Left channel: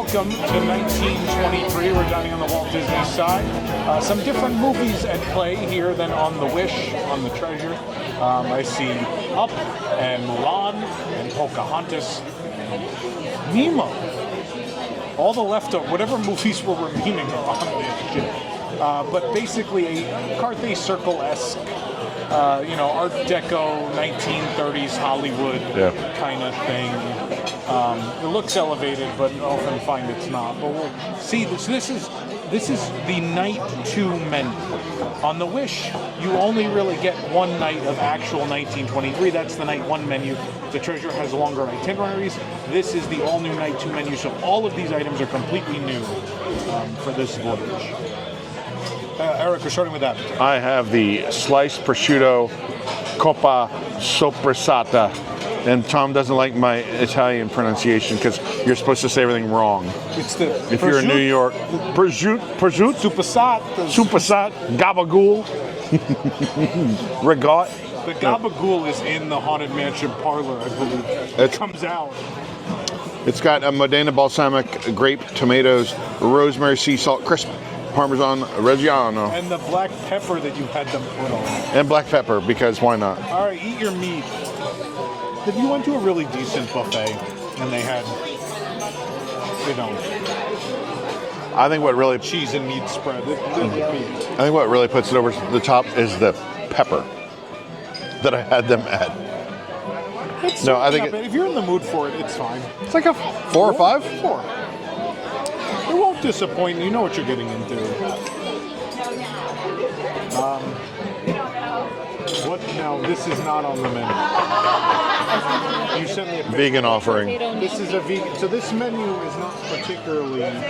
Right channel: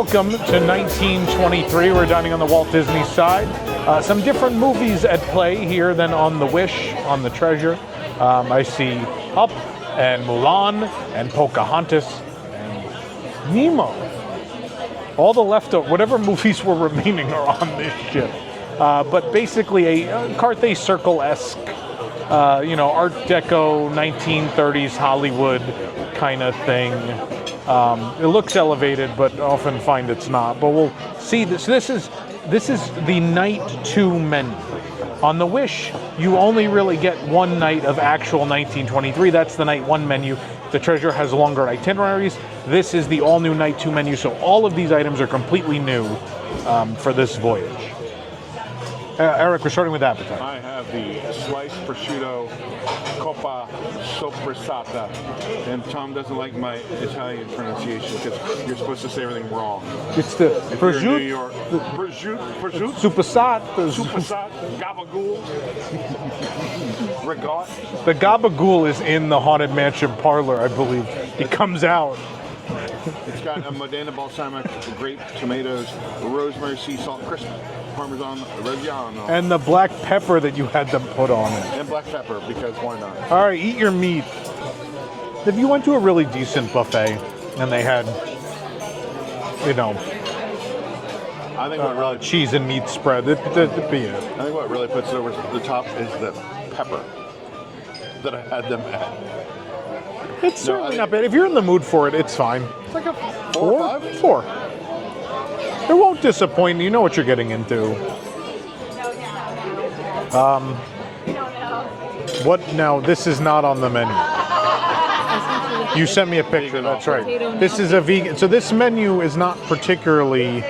Welcome to 1923. We're dining on the Walt Disney side. Some different movies at play here than on The Wish, on the Treasure. I see Up and Mulan and Pocahontas and Nemo. All the leftover, whatever movies were remaining are on this ship. But basically a Carthay Circle-esque, Art Deco, 1930s Hollywood kind of thing. It looks elevated, but often find it's not. But we'll see this. This is the night 2 menu. On The Wish, you only really get one night of actual 1923. That's the night 1 menu. The Treasure has longer itineraries. This is the all-new night 2 menu, so all of these items are completely new for this voyage. Eric, we're starting with appetizer. I have the sliced prosciutto coppa soppressata. And Tom doesn't like my Italian pronunciation because you're supposed to say everything wrong. It's the if you're in New York, prosciutto, supersat, gabagool, regat. The gabagool is in the Haunted Mansion parlor, I believe. It comes out. It's got a Modena balsamic, grape, tomatoes, rosemary, sea salt, crisp Parmesan Reggiano. And the black pepper that you had them put on it. And black pepper, because why not? All right, eat your meat. If you went to a really decent buffet and they had, I think what really cheese and meat spread, that'd be it. I think what really puts it over the top is the pepper that I had them add. It's not bad. If you're in the mood for it, it's fine. It's like a 4 or 5? 4. It won't disappoint. You know what you're getting into. What now? This is not on the menu. You sent me a picture. Vegan offering. This is a vegan. So this menu is not particularly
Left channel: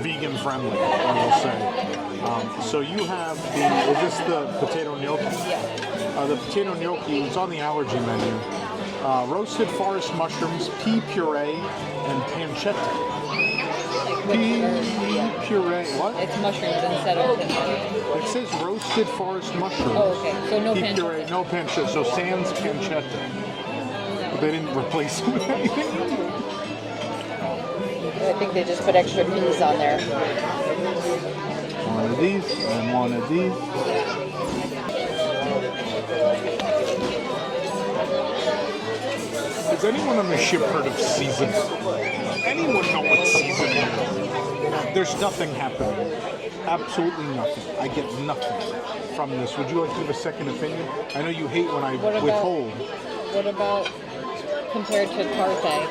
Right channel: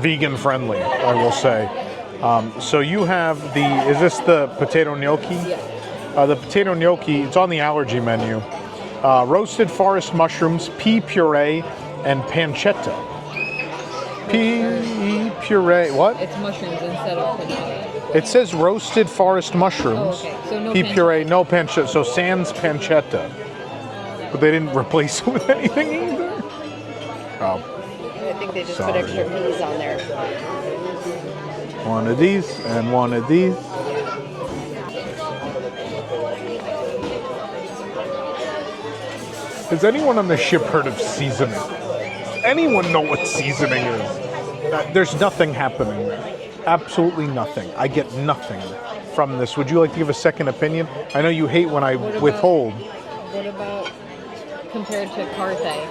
vegan friendly, I will say. So you have is this the potato gnocchi? The potato gnocchi, it's on the allergy menu. Roasted forest mushrooms, pea puree, and pancetta. Pea puree, what? It's mushrooms instead of pancetta. It says roasted forest mushrooms. Oh, okay. So no pea pancetta. puree, no pancetta. So sans pancetta. But they didn't replace it with anything either. Oh. I think they just put extra peas on there. One of these and one of these. Has anyone on the ship heard of seasoning? Anyone know what seasoning is? There's nothing happening. Absolutely nothing. I get nothing from this. Would you like to give a second opinion? I know you hate when I withhold. What about compared to Carthay?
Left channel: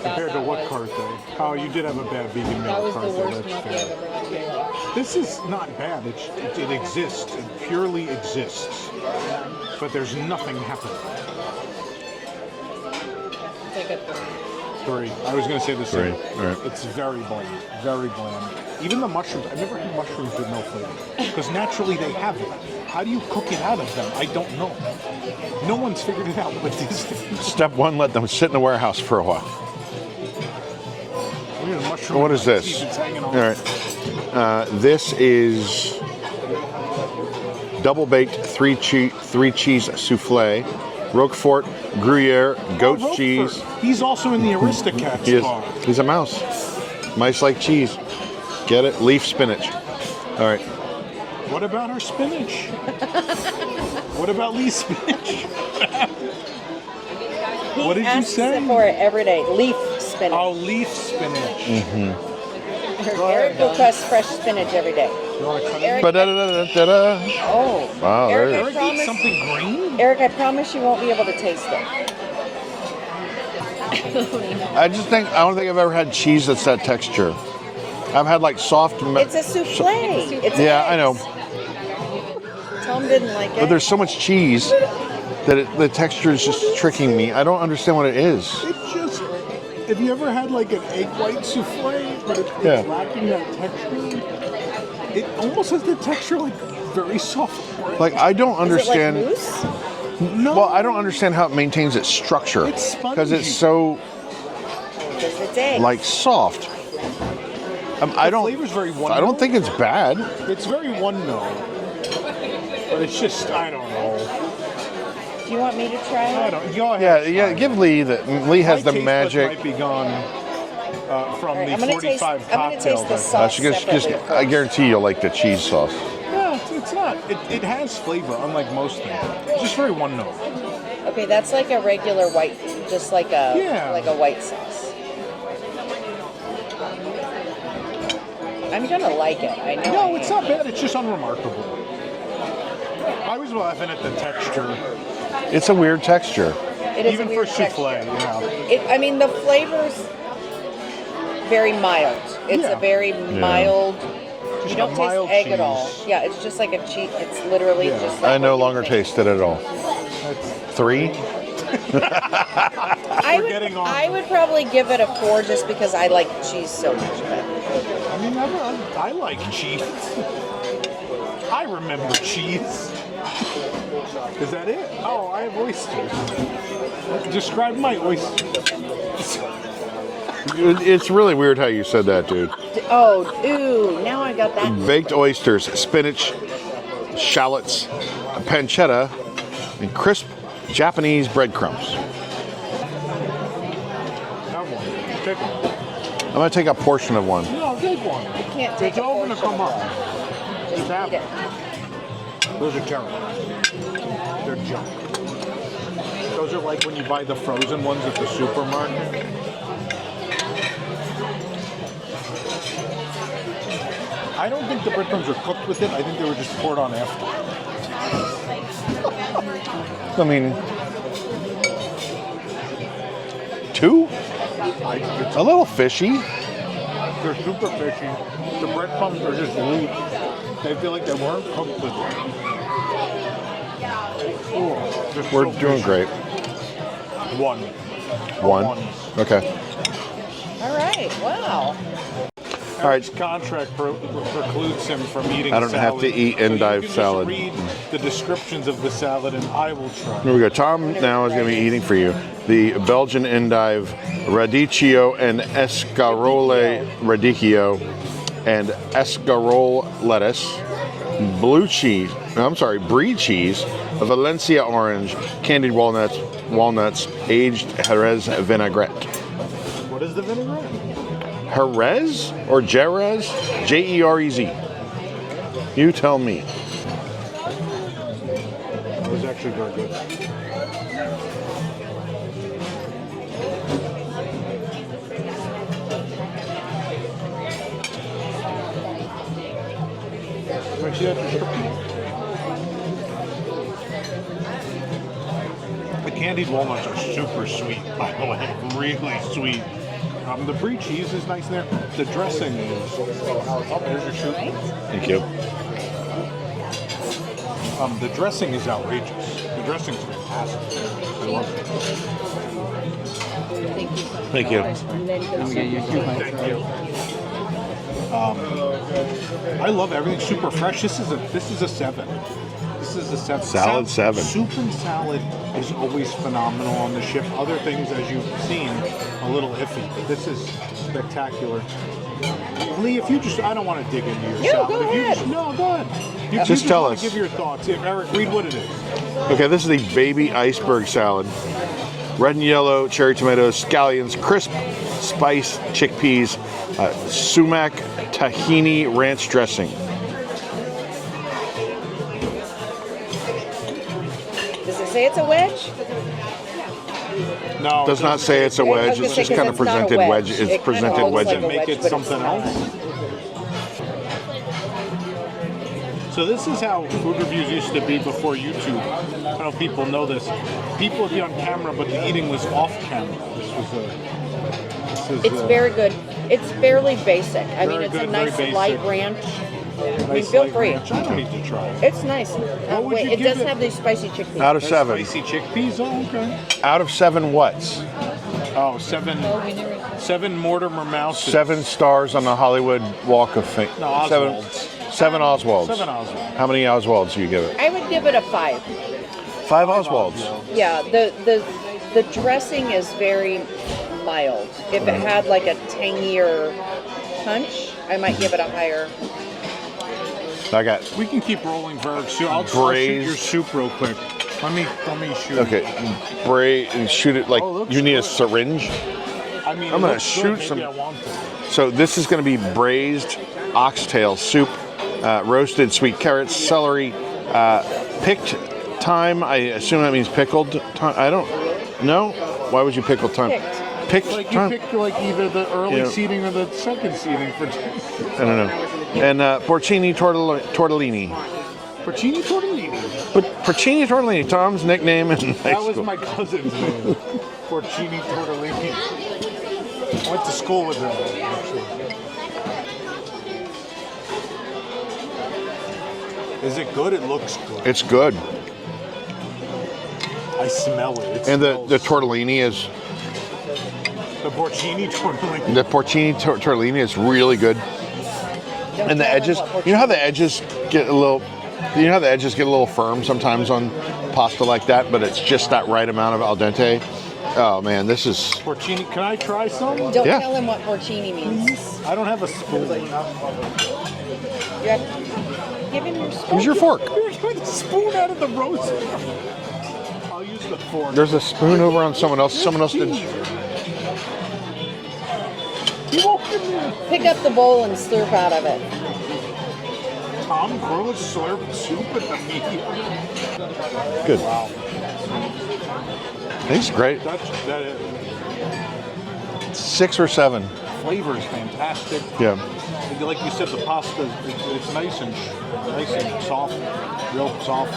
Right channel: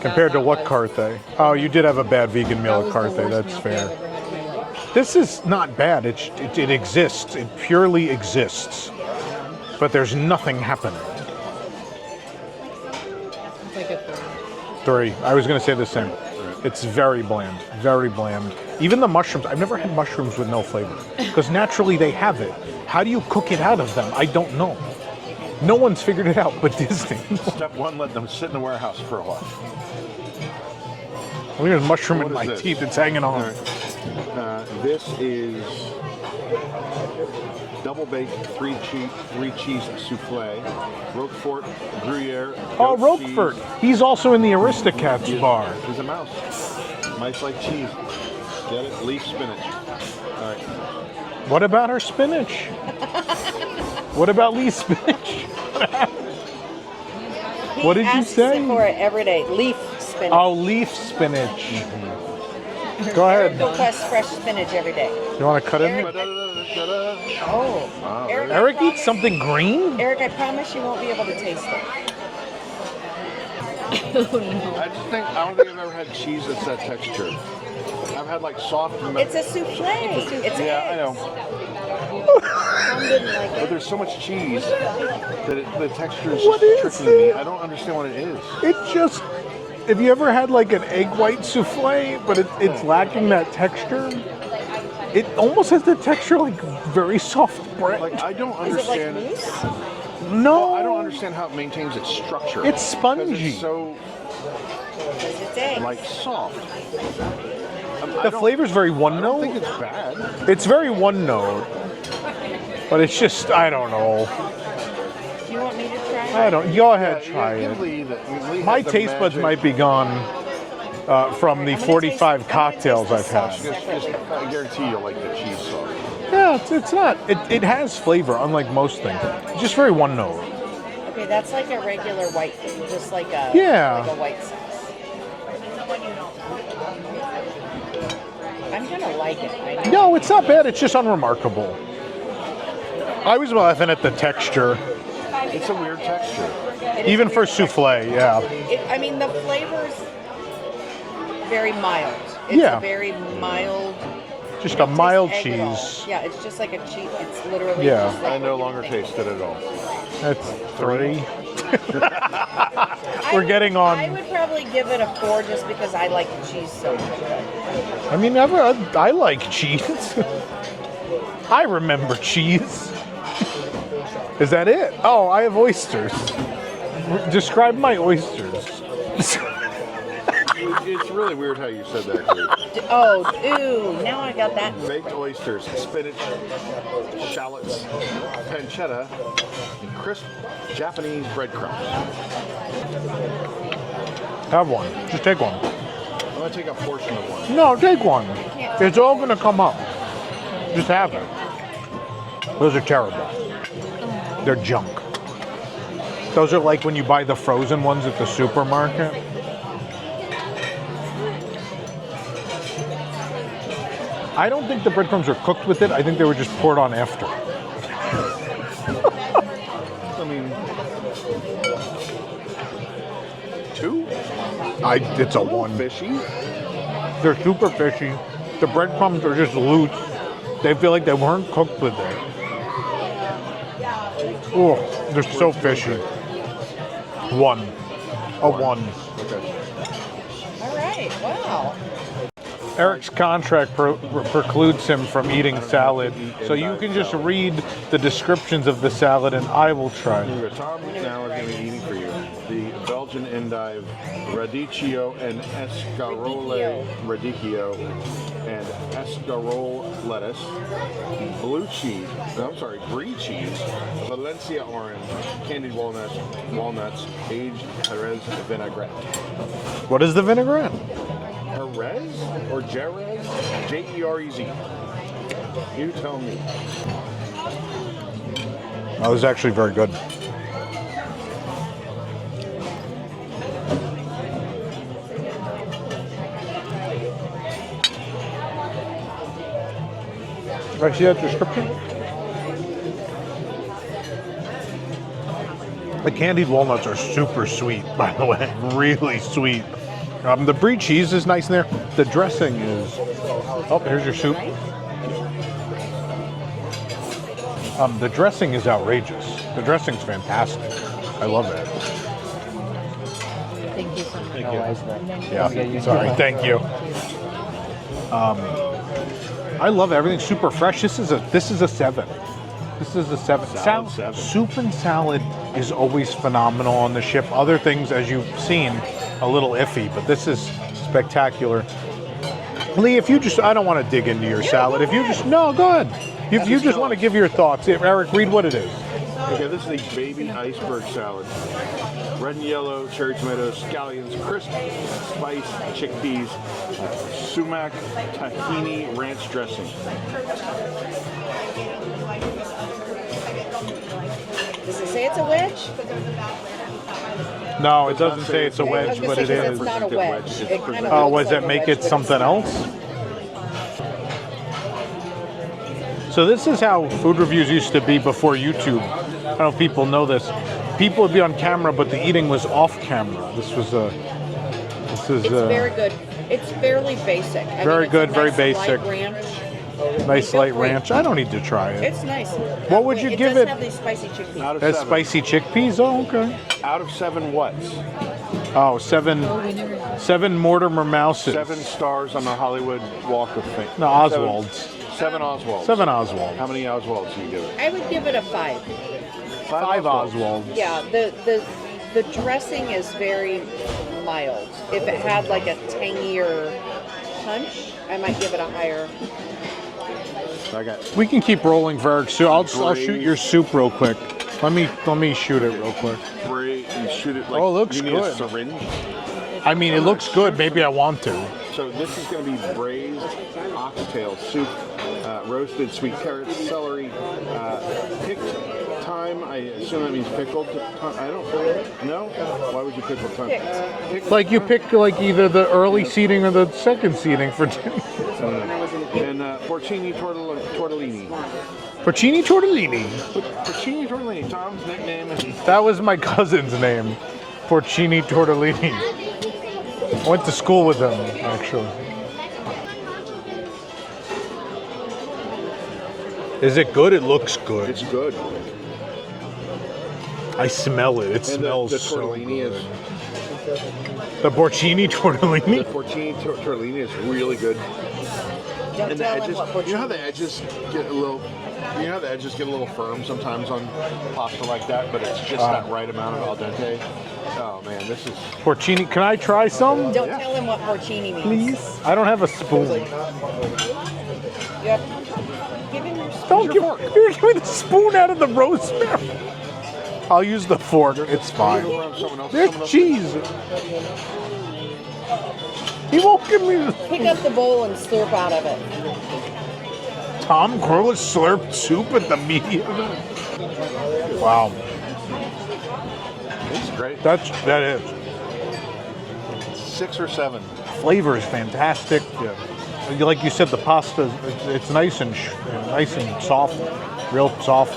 Compared to what Carthay? Oh, you did have a bad vegan meal at Carthay. That's fair. This is not bad. It exists. It purely exists. But there's nothing happening. It's like a 3. I was going to say the same. Right. It's very bland. Very bland. Even the mushrooms. I've never had mushrooms with no flavor. Because naturally they have it. How do you cook it out of them? I don't know. No one's figured it out but Disney. Step 1, let them sit in the warehouse for a while. Look at the mushroom What in is my this? teeth. It's hanging on. All right. This is double-baked 3 cheese souffle, Roquefort, Gruyere, goat Roquefort. cheese. He's also in the Aristocats bar. He's a mouse. Mice like cheese. Get it? Leaf spinach. All right. What about her spinach? What about Lee's spinach? What did you say? For it every day. Leaf spinach. Oh, leaf spinach. Mm-hmm. Go ahead. Request fresh spinach every day. You want to cut it? Oh. Wow. Eric eats something green? Eric, I promise you won't be able to taste it. I don't think I've ever had cheese that's that texture. I've had like soft. It's a souffle. I know. Tom didn't like But it. there's so much cheese that the texture is just tricking me. I don't understand what it is. It's just, have you ever had like an egg white souffle, but it's lacking that texture? It almost has the texture like very soft bread. Like, I don't understand. Is it like mousse? No. Well, I don't understand how it maintains its structure. It's spongy. Because it's so Because it's eggs. like soft. The flavor's very one note. I don't think it's bad. It's very one note. But it's just, I don't know. Do you want me to try? I don't. Go ahead. Yeah, give Lee the. Lee My has the taste buds magic. might be gone from the I'm gonna 45 taste- I'm gonna cocktails. taste the I've sauce. had. Separately I guarantee you'll like the cheese sauce. Yeah, it's not. It has flavor, unlike most things. It's just very one note. Okay, that's like a regular white, just like a white sauce. I'm gonna like it. I know. No, it's not bad. It's just unremarkable. I was laughing at the texture, It's a weird texture. It is even a for weird souffle. texture. Yeah. I mean, the flavor's very mild. It's Yeah. a very mild. Just you a don't mild taste egg at all. cheese. Yeah, it's just like a cheese. It's literally Yeah, just like I no what you longer think. taste it at all. That's 3. We're getting on. I would probably give it a 4 just because I like cheese so much. I mean, I like cheese. I remember cheese. Is that it? Oh, I have oysters. Describe my oysters. It's really weird how you said that, dude. Oh, ooh, now I got that. Baked oysters, spinach, shallots, pancetta, and crisp Japanese breadcrumbs. Have one. Just take one. I'm gonna take a portion of one. No, take one. can't take It's a all going to portion. come up. Just have it. Those are terrible. They're junk. Those are like when you buy the frozen ones at the supermarket. I don't think the breadcrumbs were cooked with it. I think they were just poured on after. I mean, 2? It's A little one. fishy. They're super fishy. The breadcrumbs are just loose. They feel like they weren't cooked with it. Oh, they're so We're doing fishy. great. One. A one. Okay. All right, wow. Eric's contract precludes him from eating I don't have salad. to eat so endive you can salad. just read the descriptions of the salad, and I will try. Here we go. Tom now is going to be eating for you the Belgian endive, Radicchio and Escarole Radicchio, and Escarole lettuce, blue cheese. No, I'm sorry, brie cheese, a Valencia orange, candied walnuts, aged Jerez vinaigrette. What is the vinaigrette? Jerez or Jerez? Jerez. You tell me. That was actually very good. Did I see that description? The candied walnuts are super sweet, by the way. Really sweet. The brie cheese is nice in there. The dressing is... Oh, here's your soup. Thank you. The dressing is outrageous. The dressing's fantastic. I love it. Thank you so much. Thank you. Thank you. I love everything super fresh. This is a 7. This is a 7. Salad 7. Soup and salad is always phenomenal on the ship. Other things, as you've seen, a little iffy, but this is spectacular. Lee, if you just, I don't want to dig into your salad. If you just, no, go ahead. If you just tell want to us. give your thoughts. Eric, read what it is. Okay, this is the baby iceberg salad. Red and yellow, cherry tomatoes, scallions, crisp spice chickpeas, sumac tahini ranch dressing. Does it say it's a wedge? No, It does not say it's a wedge. I was It's gonna just say, kind 'cause of it's not a presented wedge. wedge. It It's kind of presented looks Does wedge. like that a make wedge, it but something else? So this is how food reviews used to be before YouTube. I don't know if people know this. People would be on camera, but the eating was off camera. This was It's very good. It's fairly basic. I Very mean, it's good, a very nice basic. light ranch. nice feel light free. ranch. I don't need to try it. It's nice. What would you it give does it? have these spicy chickpeas. Out of That's 7. spicy chickpeas? Oh, okay. Out of 7 whats? Oh, 7 Oh, we never. 7 Mortimer Mouses. 7 stars on the Hollywood Walk of Fame. No, Oswalds. 7 Oswalds. 7 Oswald. How many Oswalds do you give it? I would give it a 5. 5 5 Oswalds. Oswald. Yeah, the dressing is very mild. If it had like a tangier punch, I might give it a higher. I got We can keep rolling for Eric. So I'll shoot Braised. your soup real quick. Let me shoot it real quick. Braid and shoot it like Oh, it looks you need a good. syringe. I mean, I'm it gonna looks good. shoot Maybe some- I want to. So this is going to be braised oxtail soup, roasted sweet carrots, celery, picked thyme. I assume that means pickled thyme. I don't know. Why would you pickle thyme? Picked Like you thyme? pick like either the early Yeah. seating or the second seating for I don't know. And porcini tortellini. porcini tortellini. Porcini tortellini, Tom's nickname. And That was my cousin's name, Porcini Tortellini. I went to school with them, actually. Is it good? It looks good. It's good. I smell it. It And smells the so- tortellini is the porcini tortellini. the porcini tortellini is really good. Don't And the tell him edges, what you know how the porcini is. edges get a little, firm sometimes on pasta like that, but it's just that right amount of al dente. Oh man, this is Porcini. Can I try some? Don't Yeah. tell him what porcini means. Please. I don't have a spoon. You have give him your spoon. Use your fork. You're giving the spoon out of the rosemary. I'll use the fork. There's a spoon over on someone else. There's Someone else. cheese. He won't give me. Pick up the bowl and slurp out of it. Tom Cruise slurped soup at the medium. Good. Wow. It's great. That is. 6 or 7. Flavor is fantastic. Yeah. Like you said, the pasta, it's nice and soft, real soft.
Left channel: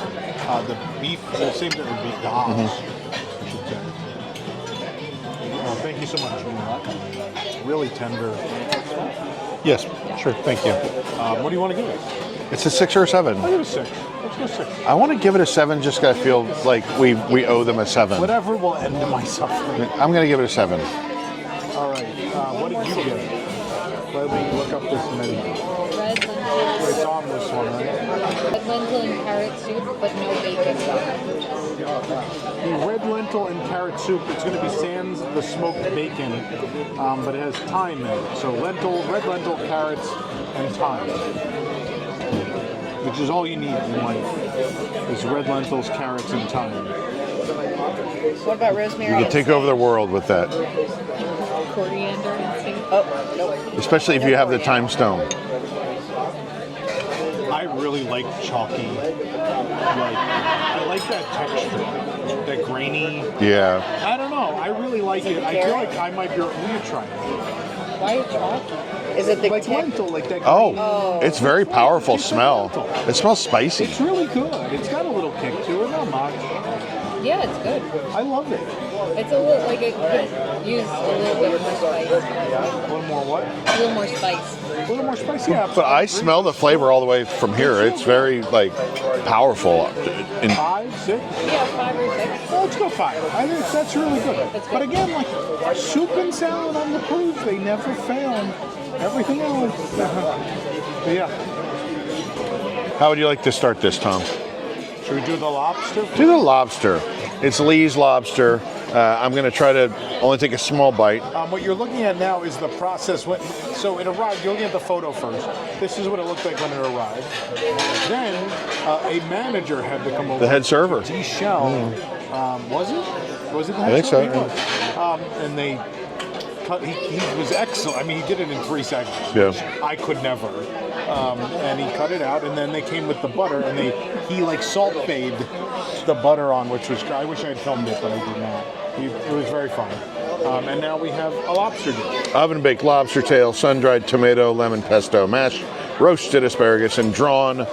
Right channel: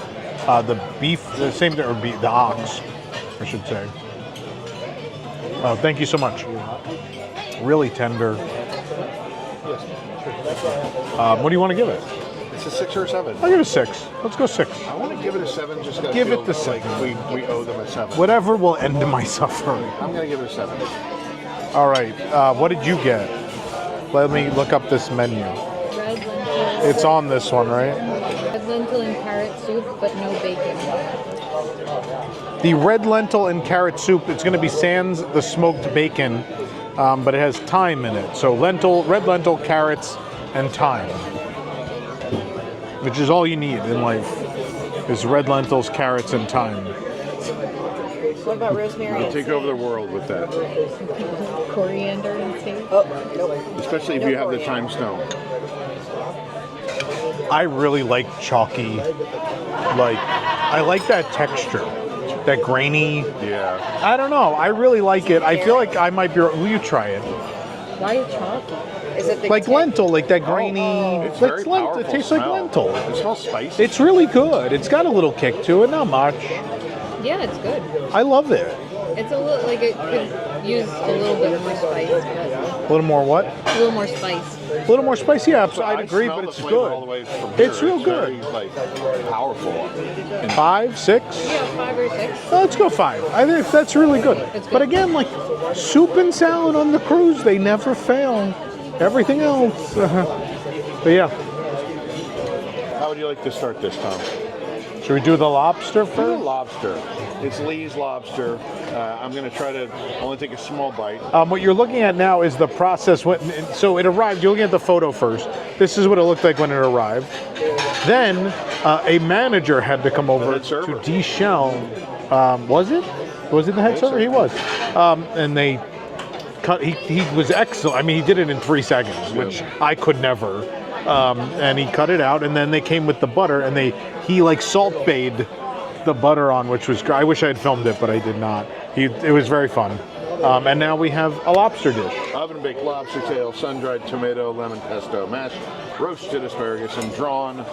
The beef, the same thing, or the ox, I should say. Oh, thank you so much. You're welcome. Really tender. Yes. Sure. Thank you. What do you want to give it? It's a 6 or a 7. I'll give it a 6. Let's go 6. I want to give it a 7 just because I Give it feel the like we owe them a 7. Whatever will end my suffering. I'm going to give it a 7. All right. What did you get? Let me look up this menu. Red lentil. It's on this one, right? Red lentil and carrot soup, but no bacon. The red lentil and carrot soup, it's going to be sans the smoked bacon, but it has thyme in it. So red lentil, carrots, and thyme, which is all you need in life, is red lentils, carrots, and thyme. What about rosemary You and take over the sage? world with that, Coriander and sage. Oh, nope. especially if you have the time stone. I really like chalky, I like that texture, that grainy. Yeah. I don't know. I really like it. I feel like I might be. Will you try it? Why chalky? Is it the Like lentil, like that Oh, grainy. it's very like- powerful it tastes like smell. lentil. It smells spicy. It's really good. It's got a little kick to it, not much. Yeah, it's good. I love it. It's a little like it could use a little bit more spice. A little more what? A little more spice. A little more spicy, yeah. But I smell the flavor all the way from here. It's real It's good. very powerful. 5, 6. Yeah, 5 or 6. Well, let's go 5. I think that's really good. That's good. But again, like soup and salad on the cruise, they never fail. Everything else. But yeah. How would you like to start this, Tom? Should we do the lobster? Do the first? lobster. It's Lee's lobster. I'm going to try to only take a small bite. What you're looking at now is the process. So it arrived. You're looking at the photo first. This is what it looked like when it arrived. Then a manager had to come over. The head server. To deshell. Was it? Was it the head I think server? so. He was. And they cut. He was excellent. I mean, he did it in 3 seconds, which Yeah. I could never. And he cut it out, and then they came with the butter, and he like salt bayed the butter on, which was. I wish I had filmed it, but I did not. It was very fun. And now we have a lobster dish. Oven baked lobster tail, sun dried tomato, lemon pesto, mashed roasted asparagus, and drawn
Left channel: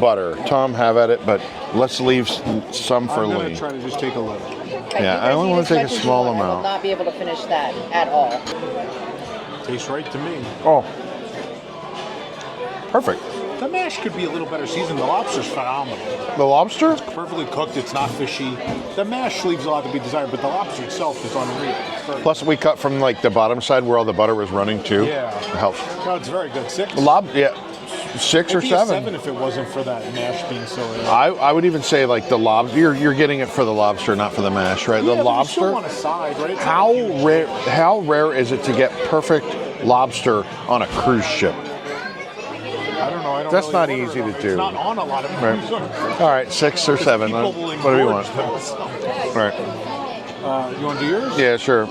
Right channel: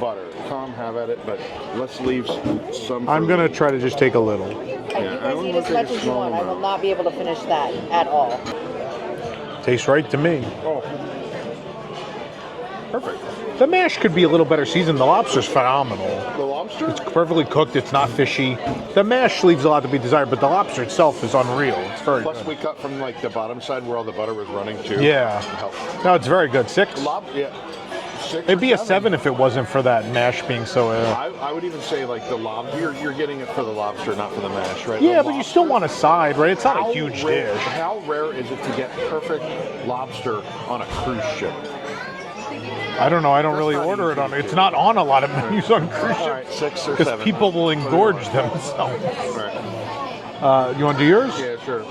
butter. Tom, have at it, but let's leave some for I'm gonna Lee. try to just take a little. Yeah, I I only want to take a small I will amount. not be able to finish that at all. Tastes right to me. Oh, Perfect. the mash could be a little better seasoned. The lobster's phenomenal. The lobster? Perfectly cooked. It's not fishy. The mash leaves a lot to be desired, but the lobster itself is unreal. It's very Plus, good. we cut from like the bottom side where all the butter was running too. Yeah. Help. No, it's very good. 6. Yeah. 6 It'd or be 7. a 7 if it wasn't for that mash being so. I would even say like the lobster. You're getting it for the lobster, not for the mash, right? Yeah, the but you still lobster. want a side, right? It's not How a huge rare? dish. How rare is it to get perfect lobster on a cruise ship? I don't know. I don't That's really not order it easy on. to It's do. not on a lot of menus on cruise All right, 6 or ships. 7. People will What do you engorge want? themselves. All right. You want to do yours? Yeah, sure.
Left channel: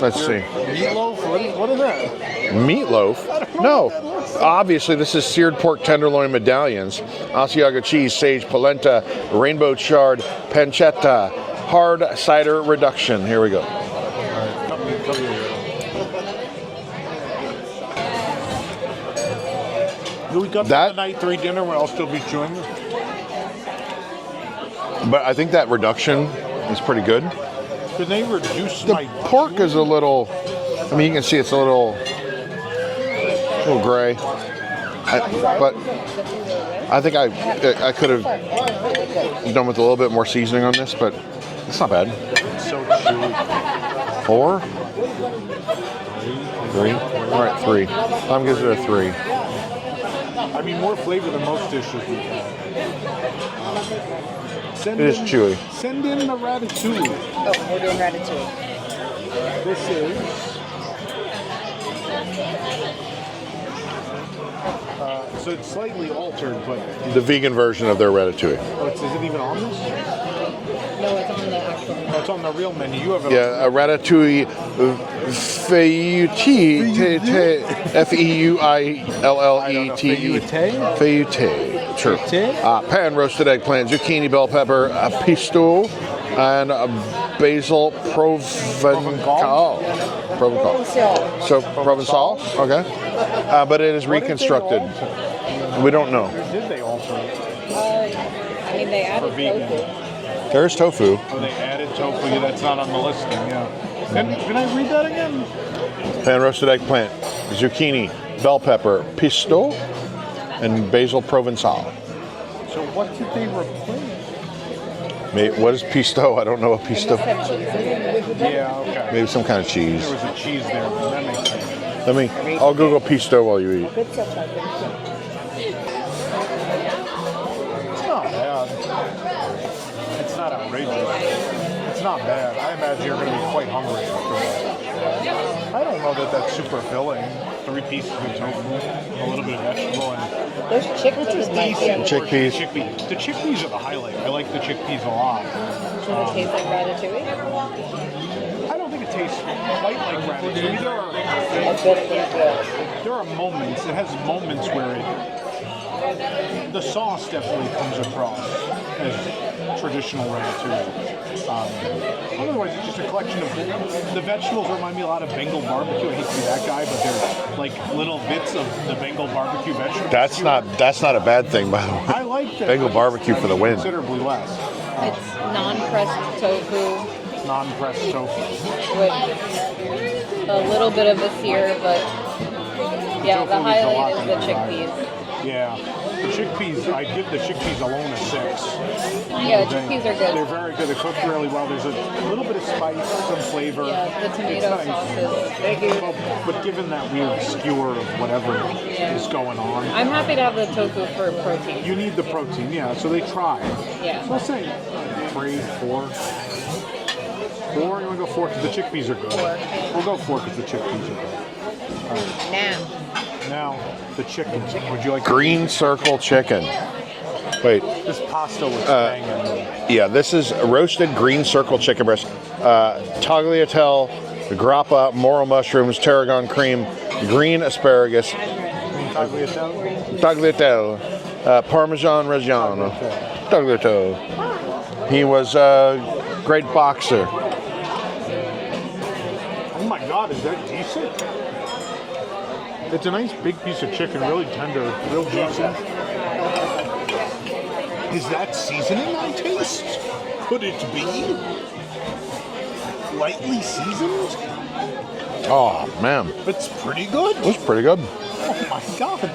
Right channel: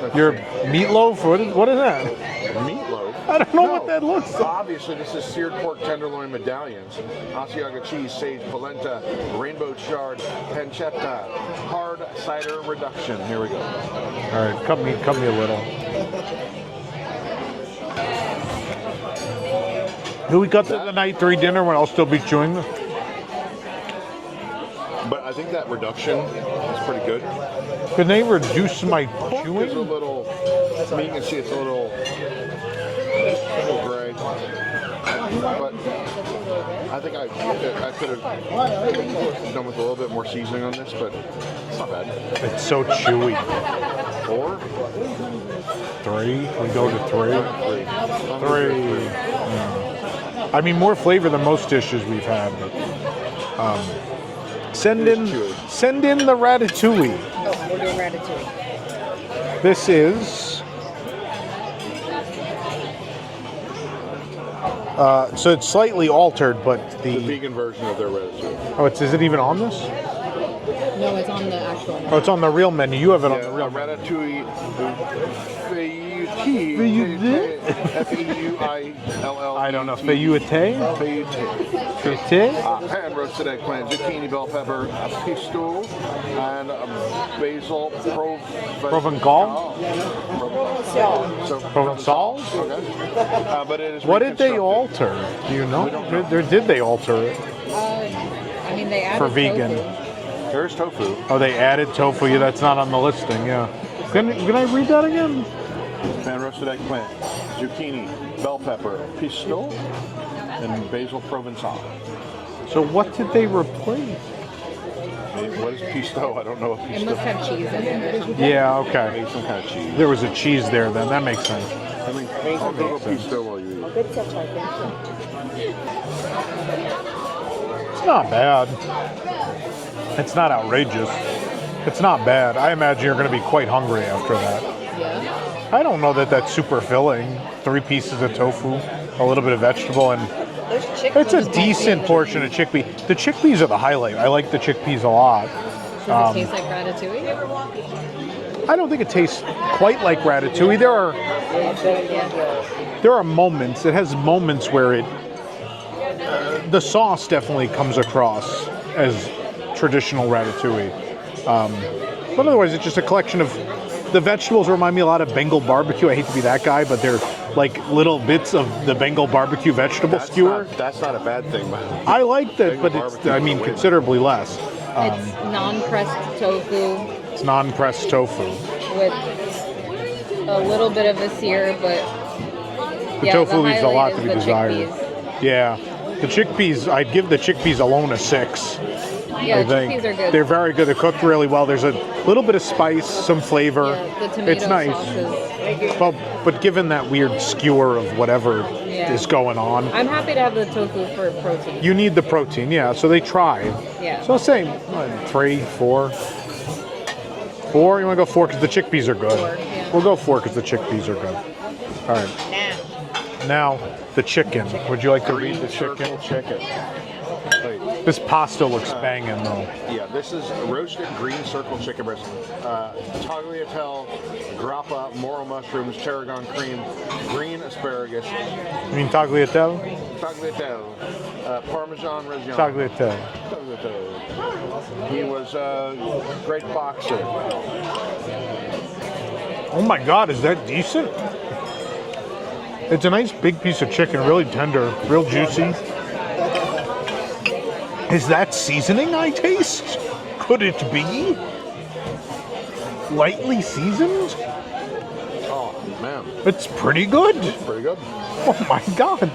Let's Your see. meatloaf? What is that? Meatloaf? I don't know No. what that looks like. Obviously, this is seared pork tenderloin medallions, Asiago cheese, sage, polenta, rainbow chard, pancetta, hard cider reduction. Here we go. All right, cut me a little. Do we cut that the night 3 dinner when I'll still be chewing this? But I think that reduction is pretty good. Can they reduce my Pork is a little, I mean, you can see it's a little gray. But I think I could have done with a little bit more seasoning on this, but it's not bad. It's so chewy. 4? 3? We go to 3. All right, 3. I'm going to give it a 3. I mean, more flavor than most dishes we've had. Send It is in chewy. Send in the ratatouille. Oh, we're doing ratatouille. This is. So it's slightly altered, but The vegan version of their ratatouille. oh, is it even on this? No, it's on the actual. Oh, it's on the real menu. You have it Yeah, on a ratatouille feuilletée, F-E-U-I-L-L-E-T. Feuilletée? Feuilletée. Sure. Feuilletée? Pan roasted eggplant, zucchini, bell pepper, pisto, and basil provencal. So Provençal. Okay. But it is What did they reconstructed. alter? Do you know? We don't know. Did they alter it I mean, they added for vegan? There's tofu. Oh, they added tofu. Yeah, that's not on the listing. Yeah. Can I read that again? Pan roasted eggplant, zucchini, bell pepper, pisto, and basil provençal. So what did they replace? What is pisto? I don't know what It pisto. must have cheese in it. Yeah. Okay. Maybe some kind of cheese. There was a cheese there. Then that makes sense. I'll Google pisto while you eat. It's not bad. It's not outrageous. It's not bad. I imagine you're going to be quite hungry after that. I don't know that that's super filling. 3 pieces of tofu, a little bit of vegetable, and Those chickpeas. it's a decent portion of chickpea. The chickpeas are the highlight. I like the chickpeas a lot. Does it taste like ratatouille? I don't think it tastes quite like ratatouille. There are moments. It has moments where the sauce definitely comes across as traditional ratatouille. But otherwise, it's just a collection of the vegetables. Remind me a lot of Bengal barbecue. I hate to be that guy, but they're like little bits of the Bengal barbecue vegetable skewer. That's not a bad thing, by the way. I like that. Bengal but barbecue I for the mean, win. considerably less. It's non-pressed tofu It's non-pressed tofu. with a little bit of a sear, but The yeah, tofu the leaves a lot highlight to is be the desired. chickpeas. Yeah. The chickpeas, I'd give the chickpeas alone a 6. Yeah, I the think. chickpeas are good. They're very good. They're cooked really well. There's a little bit of spice, some flavor. Yeah, the tomato It's nice. sauce But given that weird skewer of whatever is going on, I'm happy to have the tofu for protein. you need the protein. Yeah, so they tried. Yeah. So I'll say 3, 4. 4? You want to go 4 because the chickpeas are good? 4. We'll go 4 because the chickpeas are good. All right. Now, the chicken. Would you like to Green eat the circle chicken. Wait, This pasta looks banging though. yeah, this is a roasted green circle chicken breast. Tagliatelle, grappa, morel mushrooms, tarragon cream, green asparagus, You mean tagliatelle? tagliatelle, Parmesan Reggiano. Tagliatelle. He was a great boxer. Oh my God, is that decent? It's a nice big piece of chicken, really tender, real juicy. Is that seasoning I taste? Could it be? Lightly seasoned? Oh man, It's pretty good. it's pretty good. Oh my God.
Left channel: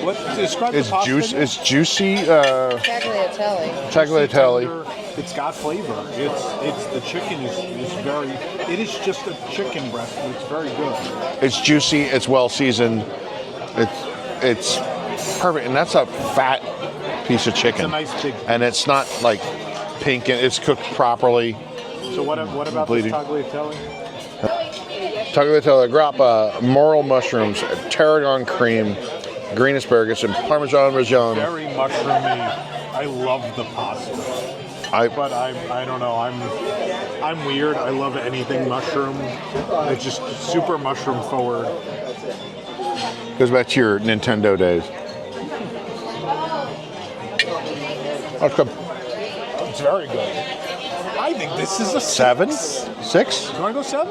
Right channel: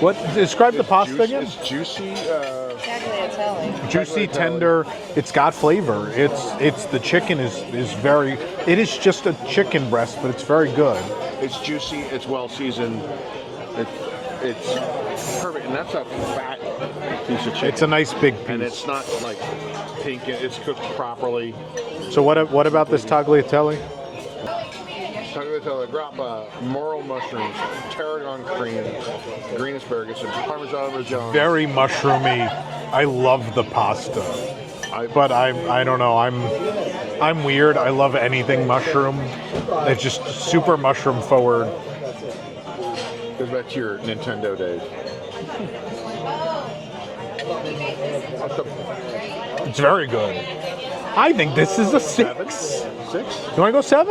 What? Describe the It's pasta again. It's juicy. Tagliatelle. Juicy, tagliatelle. tender. It's got flavor. It's the chicken is very. It is just a chicken breast, but it's very good. It's juicy. It's well seasoned. It's perfect, and that's a fat piece of chicken. It's a nice big. and it's not like pink. It's cooked properly. So what about this tagliatelle? Tagliatelle, grappa, morel mushrooms, tarragon cream, green asparagus, and Parmesan Reggiano. Very mushroomy. I love the pasta. But I don't know. I'm weird. I love anything mushroom. It's just super mushroom forward. Goes back to your Nintendo days. Oh, good. It's very good. I think this is a 7? 6. 6? Do I go 7?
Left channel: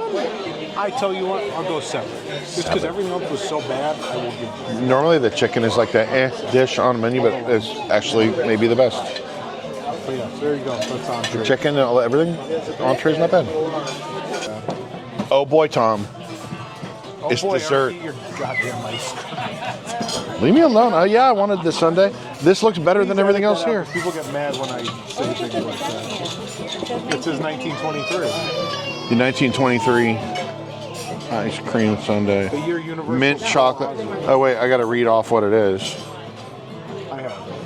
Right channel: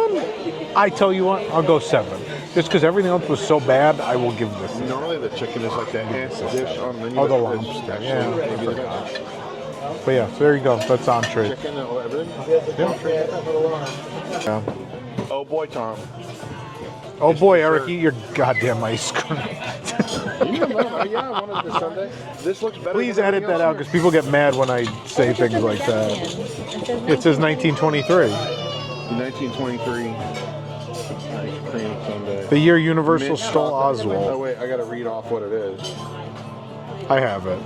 I tell you what, I'll go 7. Just because everything else was so bad, I will give you. Normally the chicken is like the dish on the menu, but it's actually maybe the best. But yeah, there you go. That's entree. Chicken, everything. Entree's not bad. Yeah. Oh boy, Tom. Oh It's boy, dessert. Eric, eat your goddamn ice cream. Leave me alone. Oh yeah, I wanted the Sundae. This looks better Please than everything edit else that out, here. 'cause people get mad when I say things like that. It says 1923. The 1923 ice cream sundae. The year Universal Mint saw chocolate. Oswald. Oh wait, I gotta read off what it is. I have it.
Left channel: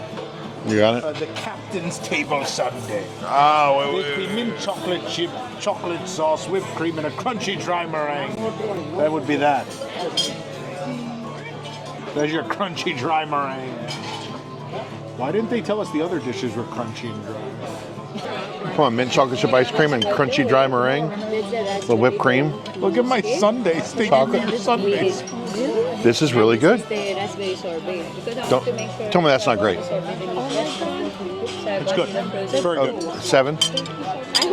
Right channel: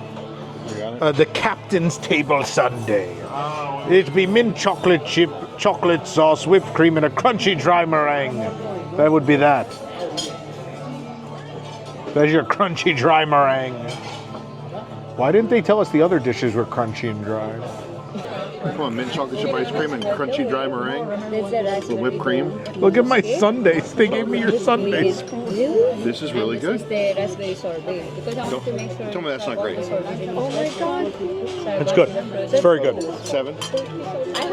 You got it? The Captain's Table Sundae. Oh, It'd be mint chocolate chip, chocolate sauce, whipped cream, and a crunchy dry meringue. That would be that. There's your crunchy dry meringue. Why didn't they tell us the other dishes were crunchy and dry? Come on, mint chocolate chip ice cream and crunchy dry meringue. The whipped cream. Look at my sundaes. They gave me your sundaes. This is really good. The raspberry sorbet. Because I want to make sure Tell me that's not great. It's good. It's very good. 7?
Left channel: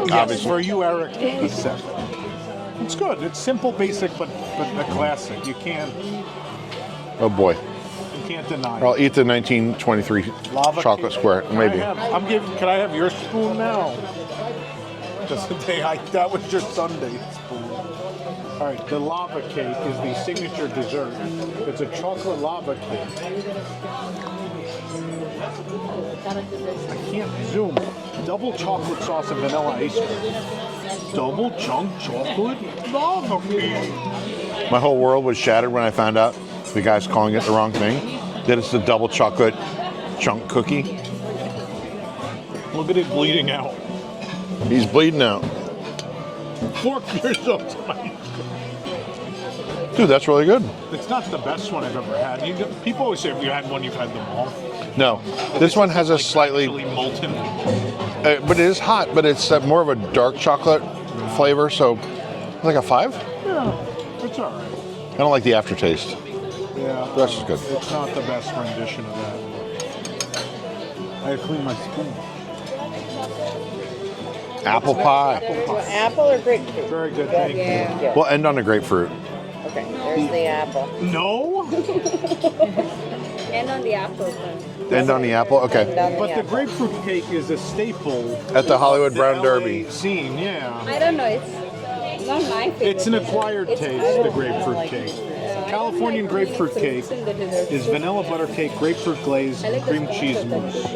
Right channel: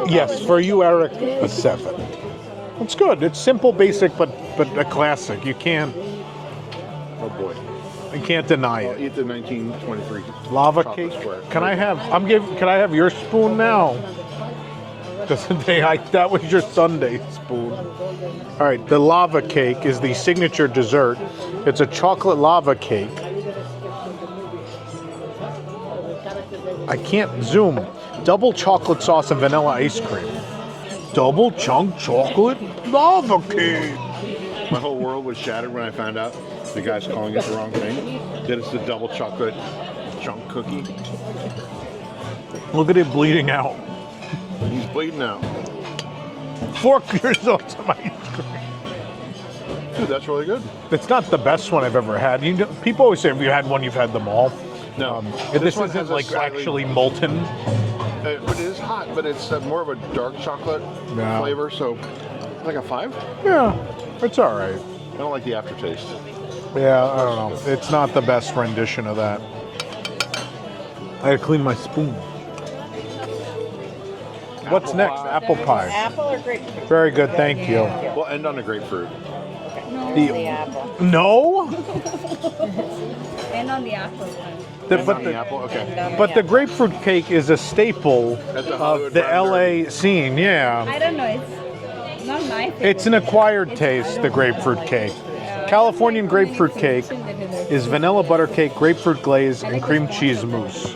Yes, for you, Eric, a 7. It's good. It's simple, basic, but a classic. You can't Oh boy. deny I'll it. eat the 1923 Lava chocolate cake. square. Can I Maybe. Can I have your spoon now? Because that was your Sunday spoon. All right, the lava cake is the signature dessert. It's a chocolate lava cake. I can't zoom. Double chocolate sauce and vanilla ice cream. Double chunk chocolate lava cake. My whole world was shattered when I found out the guy's calling it the wrong thing. That it's the double chocolate chunk cookie. Look at it bleeding out. He's bleeding out. Fork yourself to my ice cream. Dude, that's really good. It's not the best one I've ever had. People always say if you had one, you've had them all. No, This this one isn't, has a like, slightly, actually molten. but it is hot. But it's more of a dark chocolate Yeah. flavor. So, like a 5. Yeah, it's all right. I don't like the aftertaste. Yeah, I That's don't know. good. It's not the best rendition of that. I gotta clean my spoon. Apple What's next? pie. Apple pie. Apple or grapefruit? Very good, thank Yeah. you. We'll end on a grapefruit. Okay, there's the apple. No, And on the apple pie. End on the apple. Okay. but the grapefruit cake is a staple At the Hollywood of the Brown LA Derby. scene. Yeah, I don't know. It's not my favorite. it's an acquired It's- taste. The grapefruit cake. Californian grapefruit cake is vanilla butter cake, grapefruit glaze, and cream cheese mousse.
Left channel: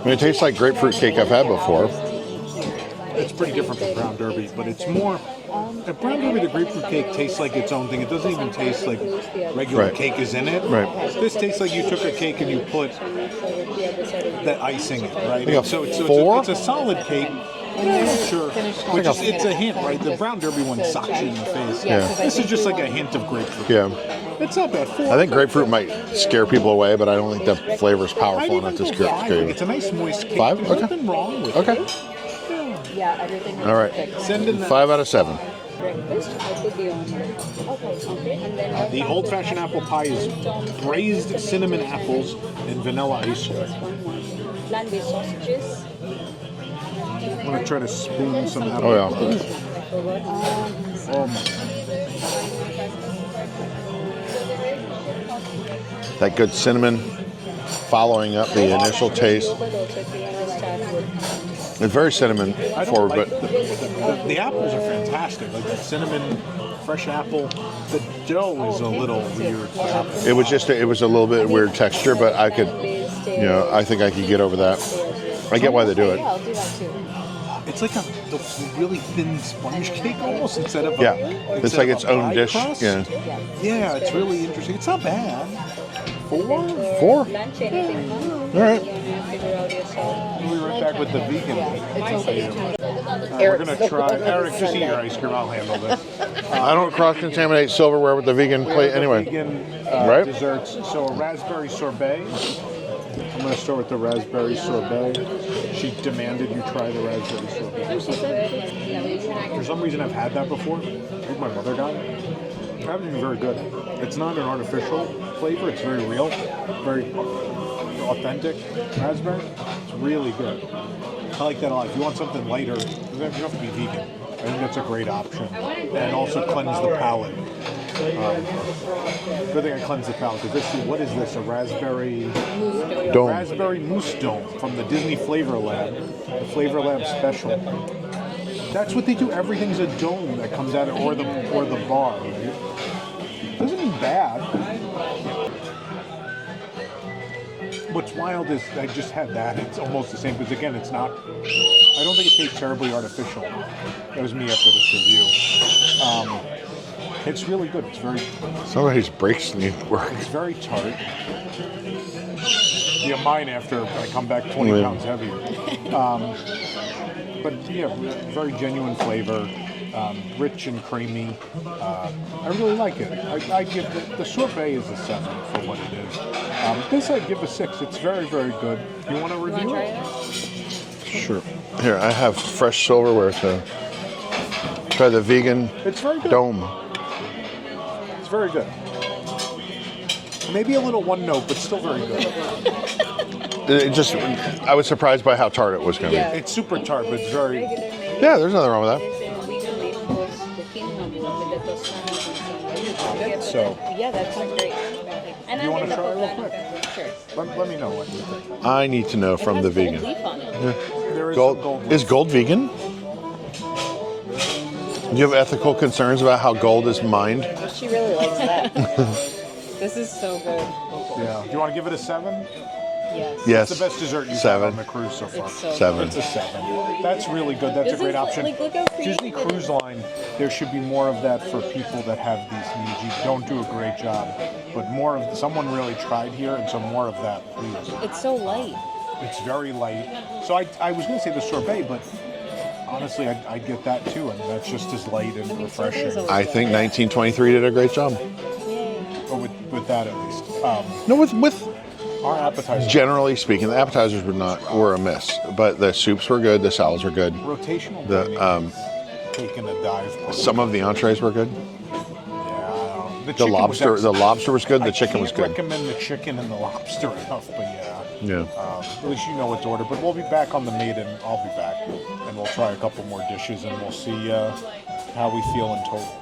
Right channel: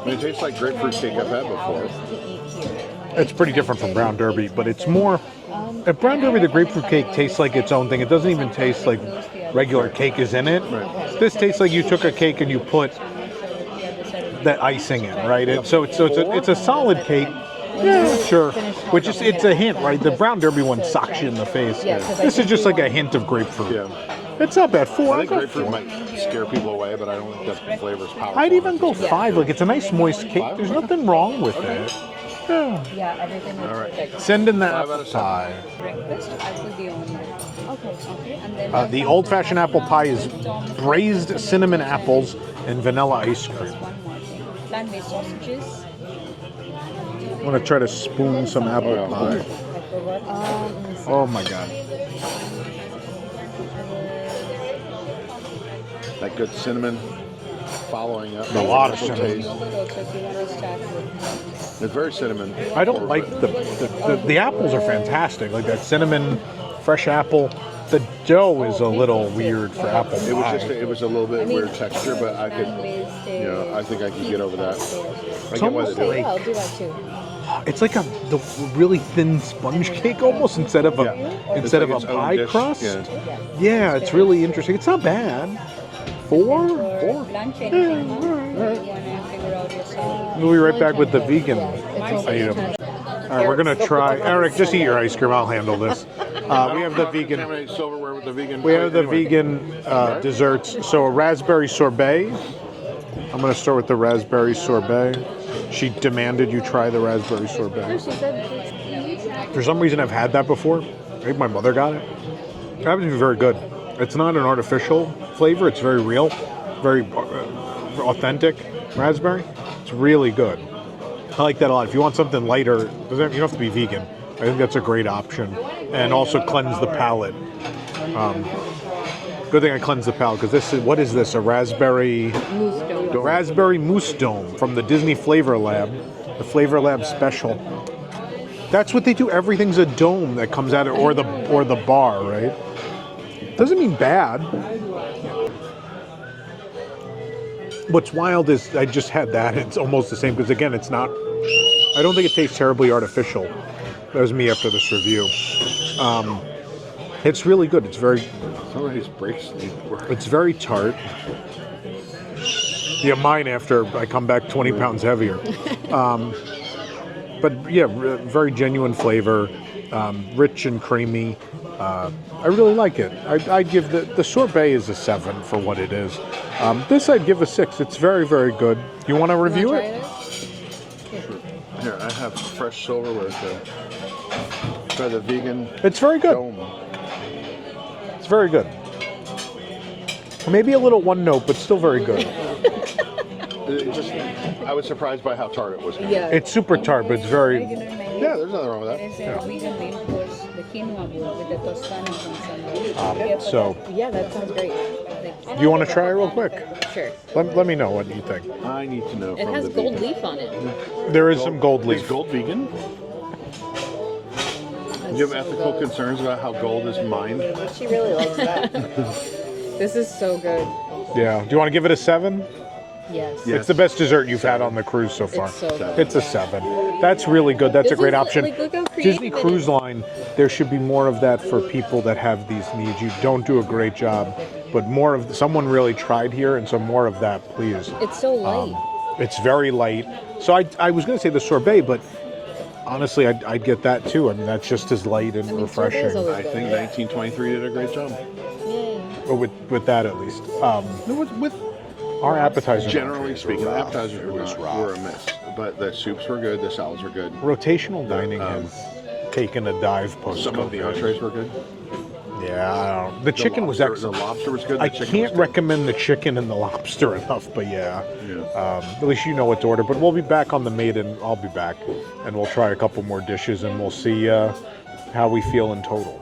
And it tastes like grapefruit cake I've had before. It's pretty different from Brown Derby, but it's more. At Brown Derby, the grapefruit cake tastes like its own thing. It doesn't even taste like regular Right. cake is in it. Right. This tastes like you took a cake and you put that icing in, right? Yeah. And so it's a solid cake. Yeah, sure. Which is it's a hint, right? The Brown Derby one socks you in the face. Yeah. This is just like a hint of grapefruit. Yeah. It's not bad. 4. I think grapefruit might scare people away, but I don't think the flavor's powerful I'd even enough go to scare 5. people. Like it's a nice moist cake. 5? There's Okay. nothing wrong with Okay. it. Yeah. Yeah, everything is All right. perfect. Send in that 5 out of 7. Breakfast, I put the omelette. Okay. And then The old-fashioned apple pie is braised cinnamon apples and vanilla ice cream. One more thing. Plant-based sausages. I'm gonna try to spoon some apple. Oh, yeah. I forgot. Oh my god. That good cinnamon following up the initial taste. Yogurt also, if you want to start with. It's very cinnamon I don't forward, like but the apples are fantastic. Like that cinnamon, fresh apple. The dough is a little weird for apple. it was a little bit weird texture, but I could, I think I could get over that. I get why they do Yeah, it. I'll do that too. It's like the really thin sponge cake almost instead of a Yeah, it's instead like of its a own pie dish. crust. Yeah. Yeah, it's really interesting. It's not bad. And 4? then for 4? lunch, anything, huh? All right. You want to figure out yourself. We'll be right back with the vegan It's okay. item. right, we're gonna try. Eric, just eat your ice cream. I'll handle this. I don't cross-contaminate silverware with the vegan We have plate the anyway. vegan Right? desserts. So a raspberry sorbet. I'm gonna start with the raspberry sorbet. She demanded you try the raspberry sorbet. For some reason, I've had that before. I think my mother got it. That was very good. It's not an artificial flavor. It's very real, very authentic raspberry. It's really good. I like that a lot. If you want something lighter, you don't have to be vegan. I think that's a great option. And also cleanse the palate. Good thing I cleanse the palate because this is, what is this? A raspberry Dome. raspberry mousse dome from the Disney Flavor Lab, the Flavor Lab special. That's what they do. Everything's a dome that comes out of, or the bar, right? Doesn't mean bad. What's wild is I just had that. It's almost the same because again, it's not. I don't think it tastes terribly artificial. That was me after this review. It's really good. It's very. Somebody's brakes need work. It's very tart. Yeah, mine after I come back 20 pounds heavier. But yeah, very genuine flavor, rich and creamy. I really like it. I give the sorbet is a 7 for what it is. This I'd give a 6. It's very, very good. You want to review it? Sure. Here, I have fresh silverware to try the vegan It's very good. dome. It's very good. Maybe a little one note, but still very good. I was surprised by how tart it was going to Yeah. It's super tart, but it's very. be. Yeah, there's nothing wrong with that. So, Yeah, that sounds great. do you want to try it real quick? Sure. Let me know what you think. I need to know It from has the gold vegan. leaf on it. There is some gold leaf. Is gold vegan? Do you have ethical concerns about how gold is mined? She really likes that. This is so good. Yeah. Do you want to give it a 7? Yes. Yes. It's the best dessert you've had 7. on the cruise so far. It's so 7. It's a 7. That's really good. That's a This great is, option. like, look how creative Disney it Cruise is. Line, there should be more of that for people that have these needs. You don't do a great job, but more of someone really tried here, and so more of that, please. It's so light. It's very light. So I was going to say the sorbet, but honestly, I'd get that too. I mean, that's just as light and refreshing. I think 1923 did a great job. Or with that at least. No, with Our appetizers. generally speaking, the appetizers were a miss, but the soups were good, the salads were good. Rotational dining has taken a dive. Some of the entrees were good. Yeah, I don't know. The chicken was lobster was good. The I chicken was can't good. recommend the chicken and the lobster enough, but yeah. Yeah. At least you know what to order. But we'll be back on the Maiden. I'll be back, and we'll try a couple more dishes, and we'll see how we feel in total.